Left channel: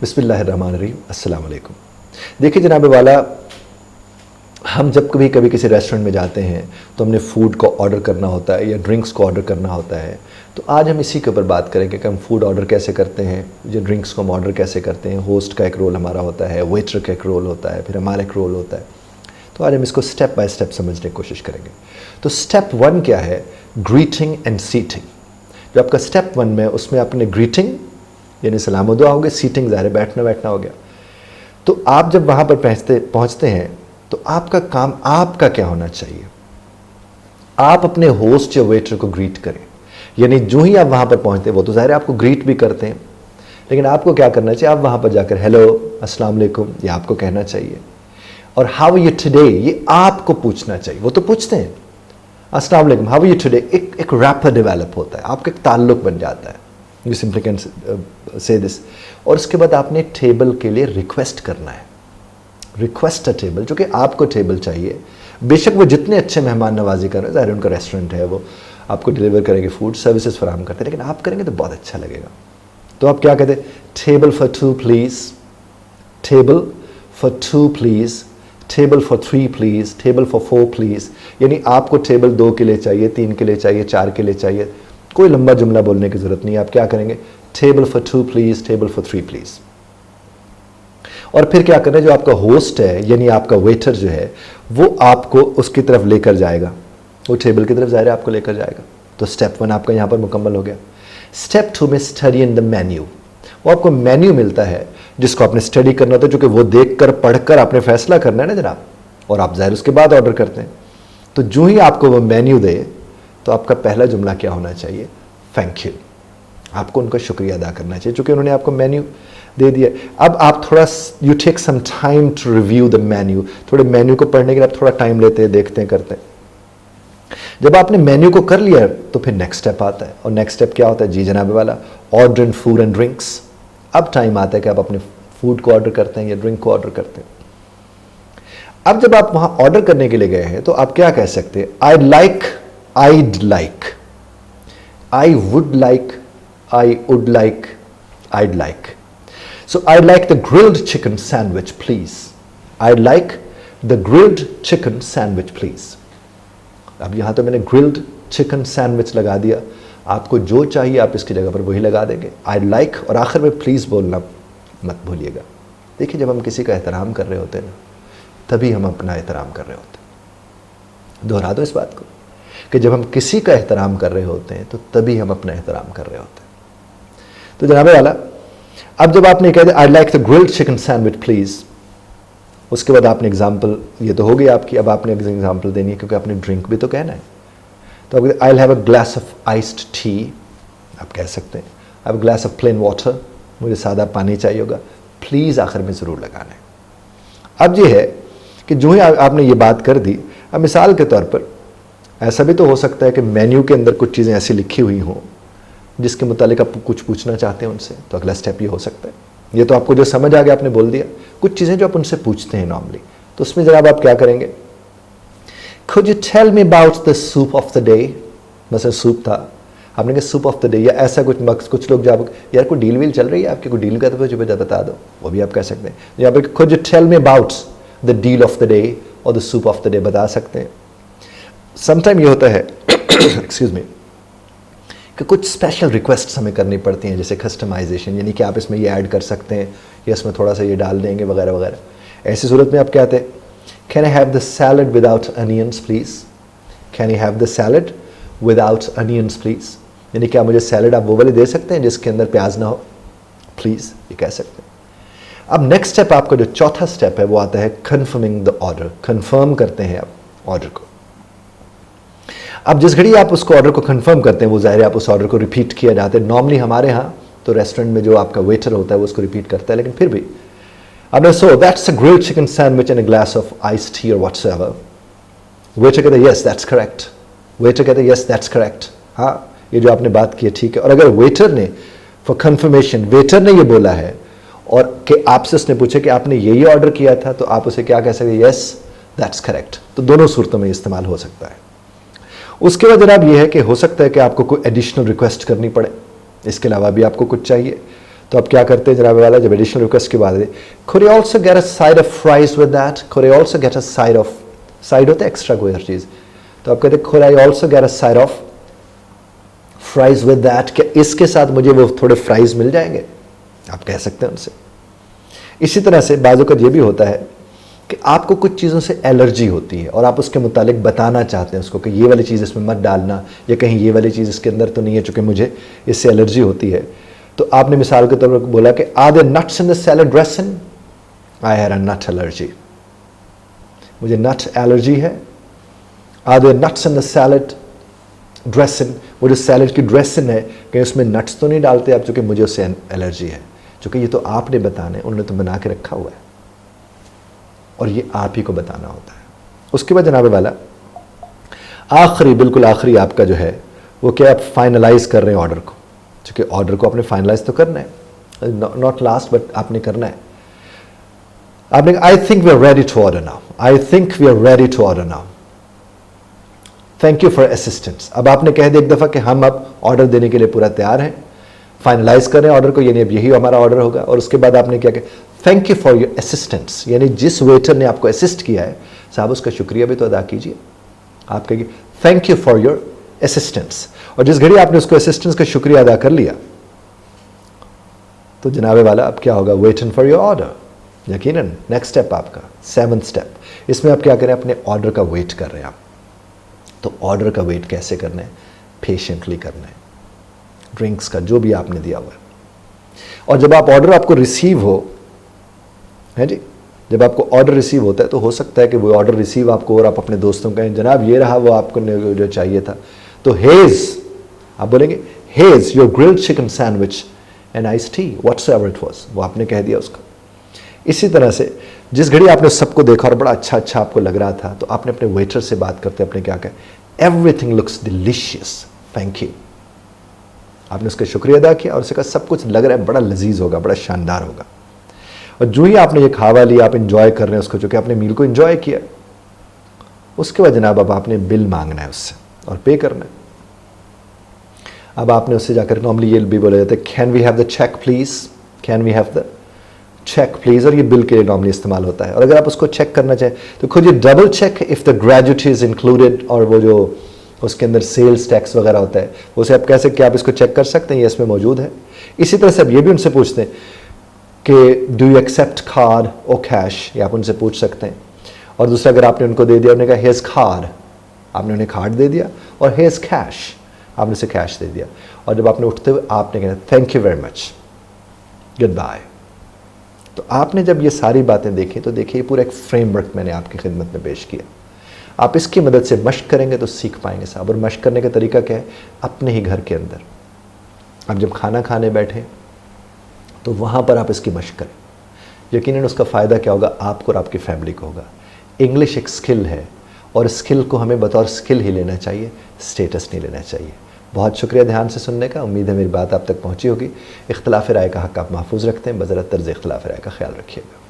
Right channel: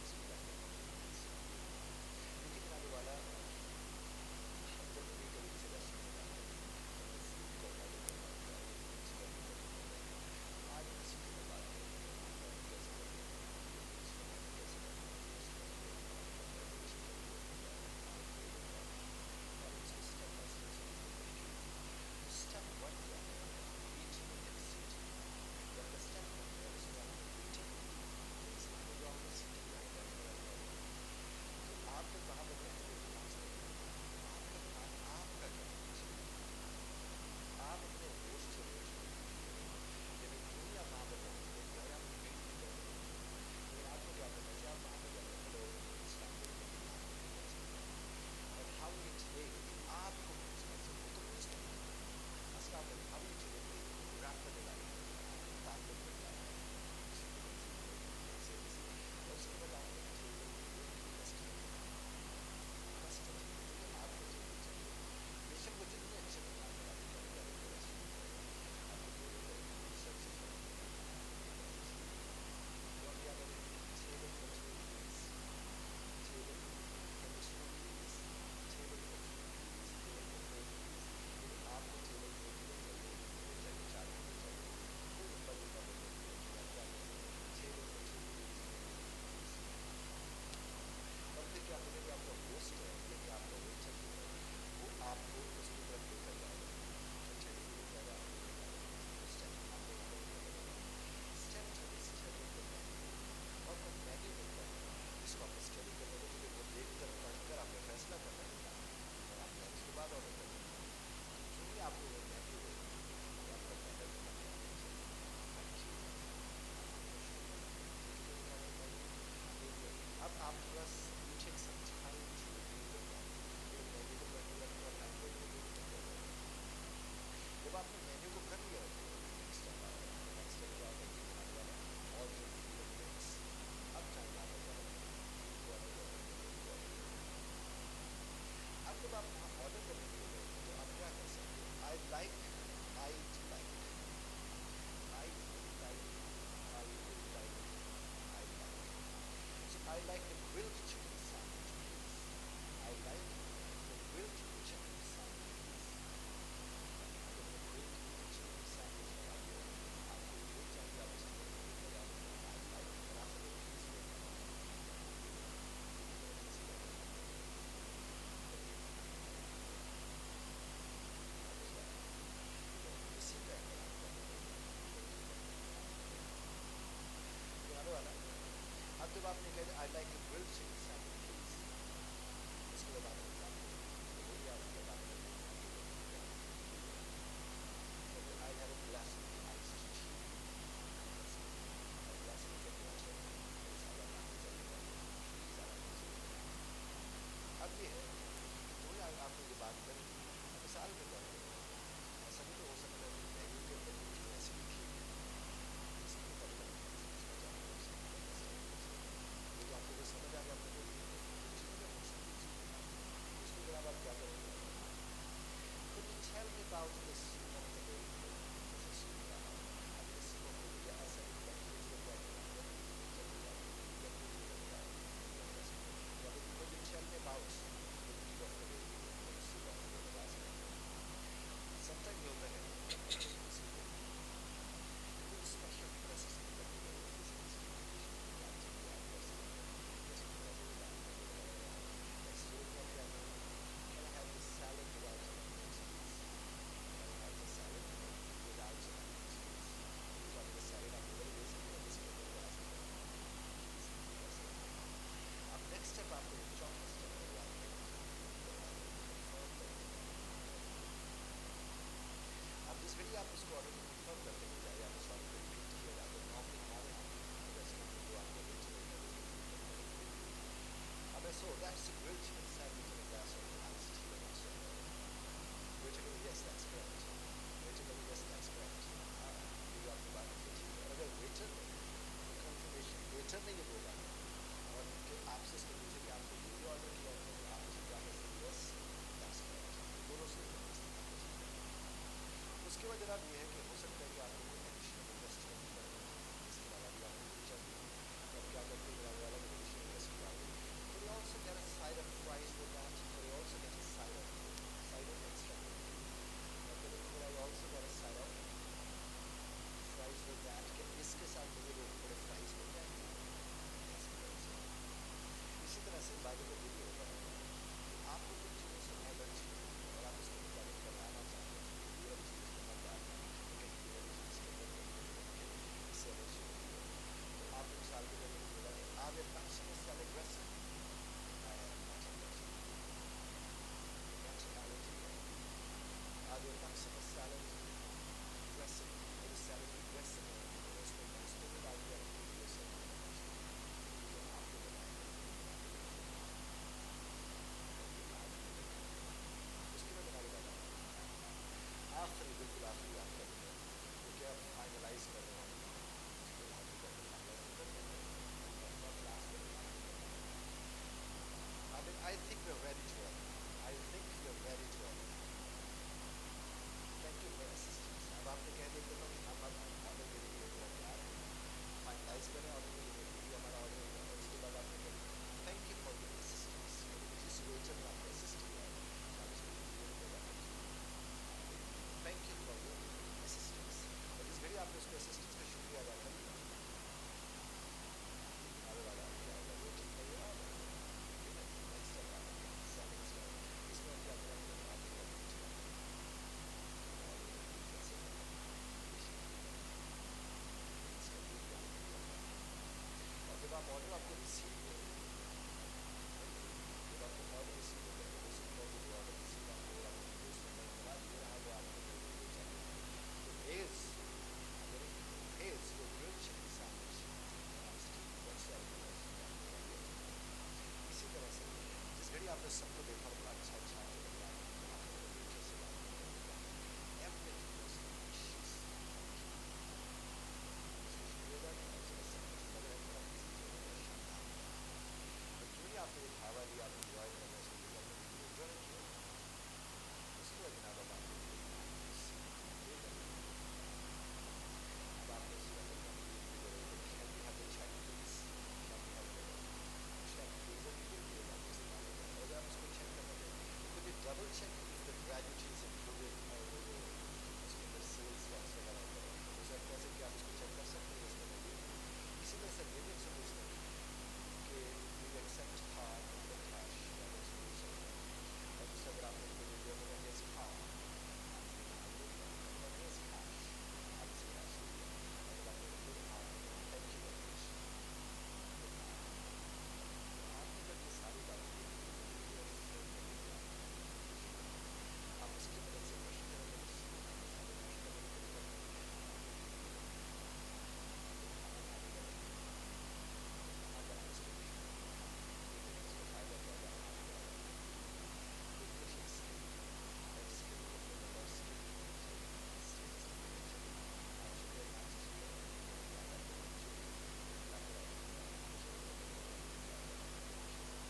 बिस्मिल्लाहिर्रहमानिर्रहीम, अस्सलाम वालेकुम। देखिए जनाब वाला, हम जब कभी किसी रेस्टोरेंट में जाते हैं तो हमने फ़ूड को ऑर्डर करना होता है या ड्रिंक्स को ऑर्डर करना होता है। तो आज हम इसी के ऊपर बात करेंगे कि हम फ़ूड ऑर्डर कैसे करते हैं, जो ड्रिंक्स को हम ऑर्डर कैसे करते हैं। होस्ट का एक रोल हमारा होता है, वेटर का एक रोल होता है, फिर हमारा एक रोल होता है। तो आज हम इसको स्टेप बाय स्टेप समझने की कोशिश करेंगे। तो स्टेप 1 क्या है? Greeting and seating. जो आपका स्टेप 1 में, उसमें आपने ग्रीटिंग यानी सलाम दुआ हो गया, सीटिंग ज़ाहिर बैठना बैठना हो गया। तो आप जब वहाँ पर पहुँचते हैं तो आपका काम आपका क्या होना चाहिए? आप अपने होस्ट या वेटर को ग्रीट करें। यानी जो ही आप वहाँ पर पहुँचते हैं, वो तो ज़ाहिर है आपको ग्रीट भी करते हैं, लेकिन आपको क्या करना चाहिए? आप वहाँ पर जाकर हेलो, अस्सलाम वालेकुम, ये आपको कहना चाहिए। और हाउ आर यू टुडे, ये आपको पूछना चाहिए। वो तो पूछते हैं अस्सलाम वालेकुम, हाउ आर यू टुडे। एक रैपर डेवलप होता है, आपका एक ताल्लुक बन जाता है। You simply can say this. और उसके बाद आपने टेबल के लिए रिक्वेस्ट करना है। रिक्वेस्ट अ टेबल, जो कि आपको टेबल चाहिए। बेशक वो जितने अच्छे मेहमान नवाजी कर रहे हैं, ज़ाहिर उनका रेस्टोरेंट है, वो आपको डिलीवर करेंगे, फूड सर्विसेज फराहम करते हैं, लेकिन आप करेंगे तो बहुत अच्छा लगेगा। तो आप क्या कहते हैं? Table for 2 please, table for 2 please, table for 3 please, table for 4 please. यानी आपको टेबल 2 के लिए चाहिए, 3 के लिए चाहिए, 4 के लिए चाहिए। कोई लंबा जुमला बोलने की ज़रूरत नहीं है। आप क्या करेंगे? Table for 2 please, table for 3 please. और फिर क्या करना है? जो आपका होस्ट है यानी आपका वेटर जो है, वो आपको उसकी तरफ लेकर जाएगा, वो टेबल की तरफ ज़ाहिर आपको लेकर जाएगा। तो स्टेप 1 आपका यहाँ पर मुकम्मल हो गया। स्टेप 2 में स्टडी इन द मेन्यू। वो आपको मेन्यू मिलता है जिसको आपने स्टडी करना होता है, जो कि वो देख कर पढ़ कर आपने फैसला करना है ना जनाब, और आप ज़ाहिर उसके बाद ऑर्डर करते हैं। तो जो ही आपको वो मेन्यू दे तो आपका पहला जुमला क्या होना चाहिए? Thank you. आपको उनका शुक्रिया अदा करना चाहिए क्योंकि उन्होंने आपको मेन्यू दे दिया। अब आप थोड़ा you take some time to review the menu. थोड़े मेन्यू को पढ़ने के लिए आप थोड़ा टाइम लेते हैं, देखते हैं, करते हैं। जब आपने मेन्यू को कर लिया तो फिर नेक्स्ट स्टेप आता है। और नेक्स्ट स्टेप क्या होता है? जी जनाब वाला, order in food and drinks. अब टाइम आता है कि आप अपने फूड को ऑर्डर करते हैं या ड्रिंक को ऑर्डर करते हैं। अब जब आप वहां ऑर्डर करने के लिए गए हैं तो आप क्या कह सकते हैं? I'd like, I'd like, I would like, I would like, I'd like. So I'd like the grilled chicken sandwich, please. I'd like the grilled chicken sandwich, please. अब यहाँ तो मैंने grilled chicken sandwich लगा दिया। आपको जो चाहिए आप इसकी जगह पर वही लगा देंगे। I'd like, और आखिर में प्लीज़ बोलना मत भूलिएगा। देखिए जब हम किसी का एहतराम कर रहे होते हैं ना, तभी हम अपना एहतराम कर रहे होते हैं। दोहरा दो इस बात को कि जब हम किसी का एहतराम कर रहे होते हैं तो तभी हम अपना एहतराम कर रहे होते हैं। तो जनाबे वाला, अब जब आपने कह दिया I like the grilled chicken sandwich please, उसके बाद आपने एग्जाम्पल, ये तो हो गई आपकी। अब आपने एग्जाम्पल देनी है क्योंकि आपने ड्रिंक भी तो कहना है। तो आप I have a glass of iced T, आप कह सकते हैं। I have a glass of plain water, मुझे सादा पानी चाहिए होगा, प्लीज़ आखिर में ज़रूर लगाना है। अब ये है कि जो ही आपने ये बात कर दी, अब मिसाल के तौर पर ऐसा भी तो हो सकता है कि मेन्यू के अंदर कुछ चीज़ें ऐसी लिखी हुई हों जिसके मुतालिक आप कुछ पूछना चाहते हैं उनसे। तो अगला स्टेप ये हो सकता है। ये तो आपको जो समझ आ गया आपने बोल दिया। कुछ चीज़ें जो आप उनसे पूछते हैं नॉर्मली, तो उसमें जनाब आप क्या करेंगे? Could you tell me about the soup of the day? मतलब सूप था, आपने कहा सूप ऑफ द डे, या ऐसा कुछ मक्स। कुछ लोग जब यार कोई डील वील चल रही है आपकी, कोई डील का तो मुझे बता दो, वो भी आप कह सकते हैं। यहाँ पर could you tell me about the deal of the day और the soup of the day बता सकते हैं। समटाइम ये होता है एक्सक्यूज मी, कि कुछ स्पेशल रिक्वेस्ट हमें करनी पड़ती हैं, जैसे कस्टमाइजेशन, यानी कि आप इसमें ये ऐड कर सकते हैं या इसमें थोड़ा सा ये डाल देंगे वगैरह वगैरह। ऐसी सूरत में आप कहते हैं can I have the salad without onions please, can I have the salad without onions please. यानी कि आप मुझे सैलड आप वो वाली दे सकते हैं जिसके अंदर प्याज ना हो, प्लीज़, ये कह सकते हैं। अब नेक्स्ट स्टेप, आपका जो चौथा स्टेप है वो आता है कन्फर्मिंग द ऑर्डर। कन्फर्म करते हैं आप ऑर्डर को। अब जिस घड़ी आप उसको ऑर्डर को कंफर्म करते हैं, वो ज़ाहिर है आप उस ऑर्डर को रिपीट किया जाता है। नॉर्मली हमारे यहाँ तो रेस्टोरेंट में जो आपका वेटर होता है वो उसको रिपीट करता है, लेकिन फिर भी आपने so that's a grilled chicken sandwich and a glass of ice tea और व्हाट्सएवर। वेटर कहते हैं यस दैट्स करेक्ट, वेटर कहते हैं यस दैट्स करेक्ट, हाँ ये जो आपने बात की है ठीक है। और अगर वेटर ने फॉर कंफर्मेशन, वेटर ने ये बोला है और कि आपसे उसने पूछा कि आपने यही ऑर्डर किया था, तो आप उसे क्या कह सकते हैं? Yes that's correct. तो दोनों सूरतों में इस्तेमाल हो सकता है। उसके बाद जनाब ये है कि हो सकता है कि आपको कोई एडिशनल रिक्वेस्ट करनी पड़े, इसके अलावा भी आपको कुछ चाहिए। तो आप क्या करते हैं जनाब वाला, जब एडिशनल रिक्वेस्ट के बाद could you also get a side of fries with that, could I also get a side of, side होता है एक्स्ट्रा कोई हर चीज़, तो आप कहते हैं could I also get a side of fries with that, क्या इसके साथ मुझे वो थोड़े फ्राइज मिल जाएंगे, आप कह सकते हैं उनसे। इसी तरह से बाजू का ये भी होता है कि आपको कुछ चीज़ों से एलर्जी होती है और आप उसके मुतालिक बताना चाहते हैं उसको कि ये वाली चीज़ इसमें मत डालना, या कहीं ये वाली चीज़ इसके अंदर तो नहीं है चूँकि मुझे इससे एलर्जी होती है। तो आपने मिसाल के तौर पर बोला कि are there nuts in the salad dressing, I had a nut allergy, मुझे नट एलर्जी है। Are there nuts in the salad dressing, वो जो सैलड की ड्रेसिंग है कहीं उसमें नट्स तो नहीं डालते आप, चूँकि मुझे उससे एलर्जी है। चूँकि ये तो आपने बताने, उन्होंने तो बना के रखा हुआ है और ये आप ही को बताना होता है। उसके बाद जनाब वाला आखिरी, बिल्कुल आखिरी आपका जो है वो क्या, आप फाइनलाइज कर रहे हैं ऑर्डर को, क्योंकि ऑर्डर को आपने फाइनलाइज तो करना है, नॉट लास्ट बट आपने करना है। आपने I think we are ready to order now, I think we are ready to order now, thank you for assistance. अब आपने कह दिया एक दफ़ा कि हम अब ऑर्डर देने के लिए पूरा तैयार हैं, फाइनलाइज कर रहे हैं ऑर्डर को, यानी अब यही हमारा ऑर्डर होगा। और उसके बाद आपने क्या कहा, thank you for your assistance, यानी जिस वेटर ने आपको असिस्ट किया है साहब उसका शुक्रिया भी तो अदा कीजिए। आप कहिए thank you for your assistance, और जिस घड़ी आपने उसको असिस्टेंस का शुक्रिया अदा कर लिया तो जनाबे वाला अब क्या होगा, वेटिंग फॉर योर ऑर्डर। यकीनन नेक्स्ट स्टेप आपका 7th स्टेप, इसमें आप क्या करें, अपने ऑर्डर का वेट कर रहे हैं आप। तो ऑर्डर का वेट कैसे करना है, पेशेंटली करना है, ड्रिंक्स का जो भी आपने दिया हुआ है। और जब आप ऑर्डर आपको रिसीव हो, है जी, जब आपको ऑर्डर रिसीव होता है तो हो सकता है कि वो ऑर्डर रिसीव आपको और आप अपने दोस्तों को कहें जनाब ये रहा वो आपको जो चाहिए था, तो हेज आप बोलेंगे hedge your grilled chicken sandwich and ice tea whatsoever it was, वो आपने कह दिया उसको। इसी तरह से जिस घड़ी आपने सबको देखा और बड़ा अच्छा अच्छा आपको लग रहा था तो आपने अपने वेटर से बात करते अपने क्या कहा, everything looks delicious, thank you. आपने उसका शुक्रिया अदा किया और उससे कहा सब कुछ लग रहा है बड़ा लजीज होगा, बड़ा शानदार होगा। और जो ही आपने ये खावा लिया, आप इंजॉय कर रहे हैं उसको, चूँकि आपने मील को इंजॉय किया, उसके बाद जनाब अब आपने बिल मांगना है उससे और पे करना है। अब आपने उससे जाकर नॉर्मली ये भी बोला जाता है can we have the check please, can we have the check please, और ये बिल के लिए नॉर्मली इस्तेमाल होता है। और अगर आप उसको चेक करना चाहें तो खुद ये double check if the gratuity is included, और वो जो उसके अंदर सेल्स टैक्स वगैरह होता है उसे आप कैसे क्या आप इसको चेक कर सकते हैं, ये इसमें मौजूद है। इसी तरह से आप ये भी उनसे पूछते हैं कि डू यू एक्सेप्ट कार्ड और कैश, ये आप उनसे पूछ सकते हैं। और दूसरा अगर आपने उनको दे दिया, उन्होंने कहा हेज़ कार्ड, आपने उन्हें कार्ड दे दिया, और हेज़ कैश, आपने उसे कैश दे दिया। और जब आपने उठते हुए आपने कहना thank you very much, good bye. तो आपने जब ये सारी बातें देखी तो देखिए पूरा एक फ्रेमवर्क मैंने आपकी खिदमत में पेश किया। आप इसकी मदद से मश्क करेंगे तो सीख पाएंगे साहब। और मश्क करने का तरीका क्या है, अपने ही घर के अंदर आप जब खाना खाने बैठे तो वहाँ पर आप इसकी मश्क करें। यकीनन उसका फ़ायदा क्या होगा, आपको और आपकी फैमिली को होगा। इंग्लिश एक स्किल है और स्किल को हमें बतौर स्किल ही लेना चाहिए, स्टेटस नहीं लेना चाहिए। बहुत शुक्रिया ध्यान से सुनने का, उम्मीद है मेरी बात आप तक पहुँची होगी। इख्तिलाफ़ राय का हक़ आप महफूज रखते हैं, बज़रत तर्ज़ इख्तिलाफ़ राय का ख्याल रखिएगा।